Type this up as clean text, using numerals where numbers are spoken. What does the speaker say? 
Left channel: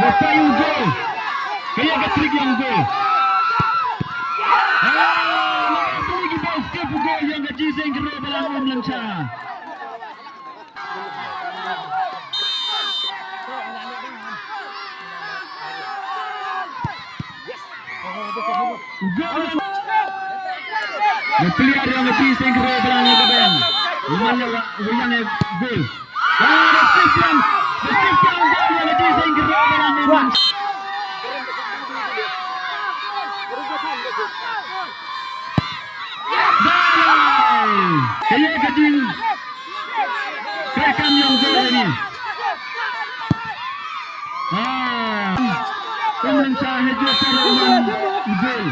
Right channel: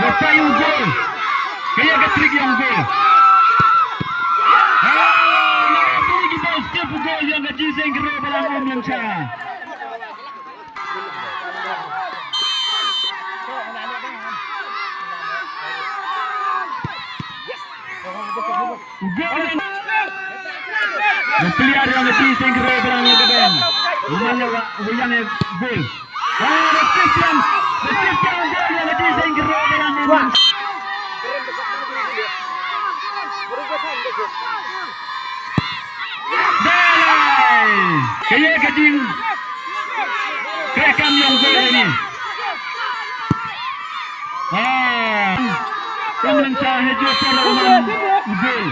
Lepas yung goal. Kaya katrik yung goal. Nakatulog ba step goal yang kajising kero Balang umlyngsha. Goal. Nagpilihan yang kajising kero Balang Lakadong. Umanya uyang goal. Resisten goal yang kajising kero Balang umlyngsha. Kaya kajing kerekam yang gol ini. Umlyngsha hejur pelawan gol.